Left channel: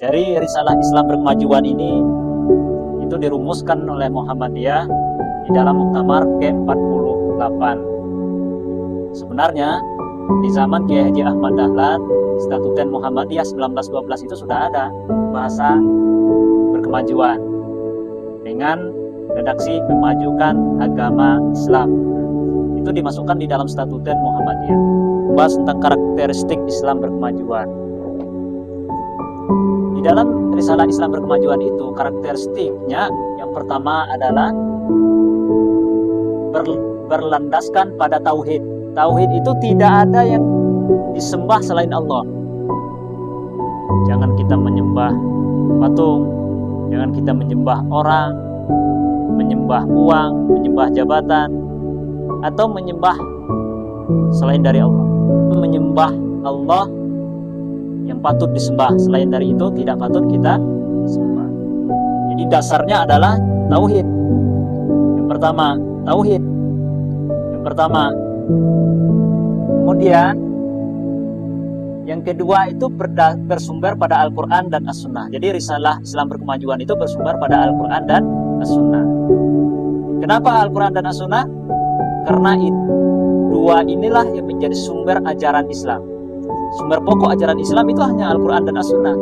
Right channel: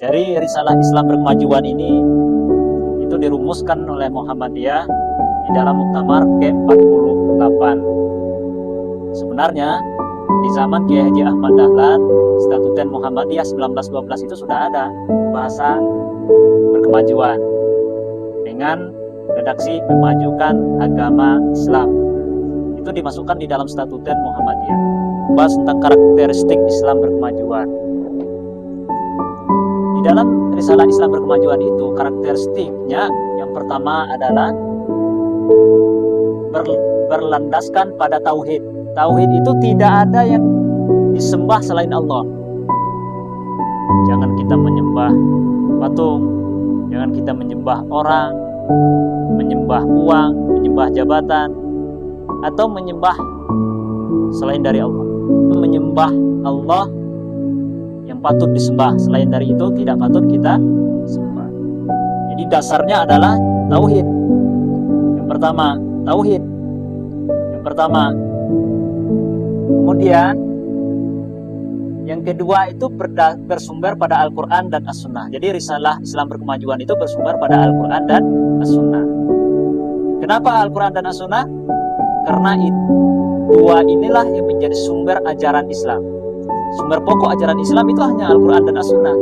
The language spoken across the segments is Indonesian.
Dari risalah Islam berkemajuan ini itu dirumuskan oleh Muhammadiyah di dalam Muktamar ke-48. Sebenarnya di zaman Kiai Haji Ahmad Dahlan, Statuten Muhammadiyah 1912 itu sudah ada bahasa berkemajuan dengan redaksi memajukan agama Islam. Itu dimasukkan di dalam Statuten Muhammadiyah. Bahas tentang karakteristik Islam berkemajuan. Di dalam risalah Islam berkemajuan itu karakteristiknya yang pertama adalah berlandaskan pada tauhid. Tauhid itu tidak ada yang disembah selain Allah. Jangan kita menyembah patung, jangan kita menyembah orang, menyembah uang, menyembah jabatan, atau menyembah selain dari Allah. Menyembah Allah yang patut disembah, selain dari itu tidak patut kita sembah. Jadi dasarnya adalah tauhid. Yang pertama, tauhid. Yang pertama. Kemudian yang kedua itu bersumber pada Al-Quran dan As-Sunnah. Jadi risalah Islam berkemajuan itu bersumber pada Al-Quran dan As-Sunnah. Kenapa Al-Quran dan As-Sunnah? Karena dua inilah yang menjadi sumber ajaran Islam. Sumber pokok ajaran Islam itu hanya Al-Quran dan As-Sunnah.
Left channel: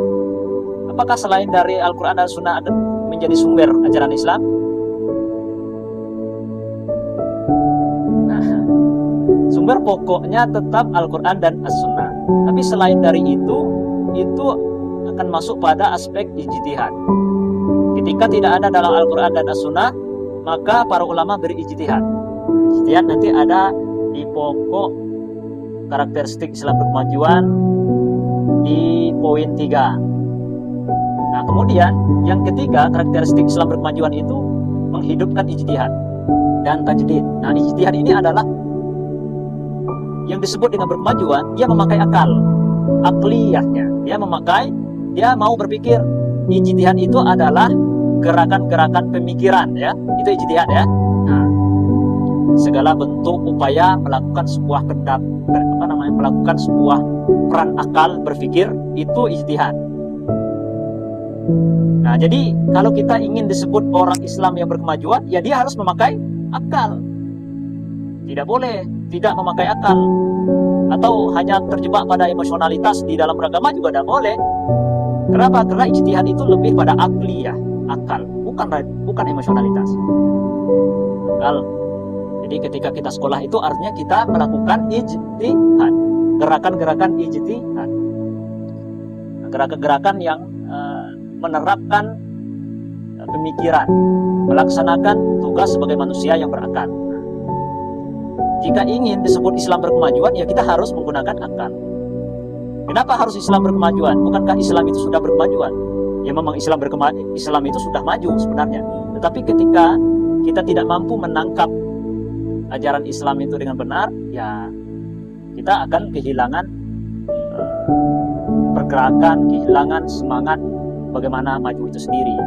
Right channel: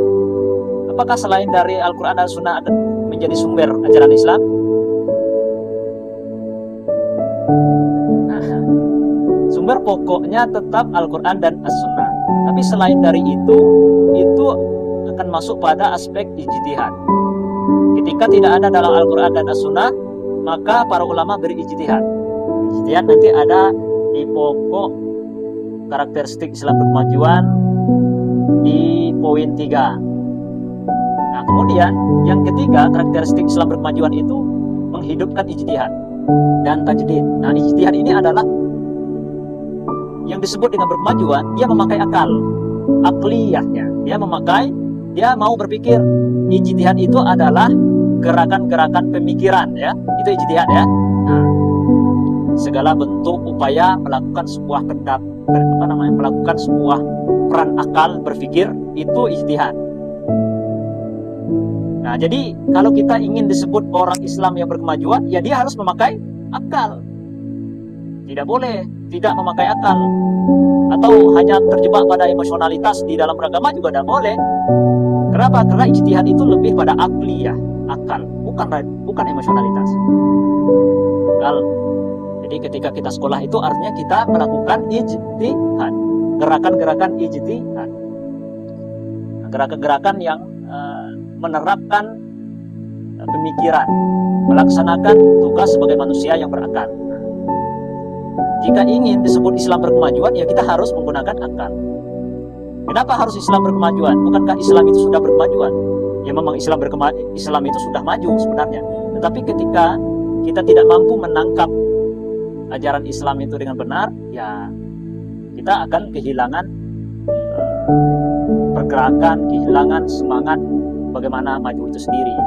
Apakah selain dari Al-Quran dan As-Sunnah menjadi sumber ajaran Islam? Nah, sumber pokoknya tetap Al-Quran dan As-Sunnah. Tapi selain dari itu akan masuk pada aspek ijtihad. Ketika tidak ada dalam Al-Quran dan As-Sunnah, maka para ulama berijtihad. Ijtihad nanti ada di pokok karakteristik Islam berkemajuan di poin 3. Nah, kemudian yang ketiga, karakteristik Islam berkemajuan itu menghidupkan ijtihad dan tajdid. Nah, ijtihad ini adalah yang disebut dengan berkemajuan, dia memakai akal, akliyahnya. Dia mau berpikir. Ijtihad itu adalah gerakan-gerakan pemikiran, ya. Itu ijtihad, ya. Nah, segala bentuk upaya melakukan sebuah melakukan sebuah peran akal berpikir itu ijtihad. Nah, jadi kalau kita ingin disebut orang Islam yang berkemajuan, ya dia harus memakai akal. Tidak boleh tidak memakai akal. Atau hanya terjebak pada emosionalitas di dalam beragama juga tidak boleh. Kenapa? Karena ijtihad itu lebih pada akliyah, akal, bukan emosionalitas. Akal. Jadi ketika kita sekolah itu artinya kita melakukan ijtihad, gerakan-gerakan ijtihad, gerakan-gerakan yang menerapkan pemikiran, melaksanakan tugas sebagai manusia yang berakal. Jika ingin disebut Islam berkemajuan, ya kita harus menggunakan akal. Kenapa harus Islam berkemajuan? Bukankah Islam itu sudah berkemajuan? Ya memang Islam itu sudah maju sebenarnya. Tetapi ketika kita tidak mampu menangkap ajaran Islam itu dengan benar, ya kita akan kehilangan pergerakan, kehilangan semangat bagaimana maju itu sendiri.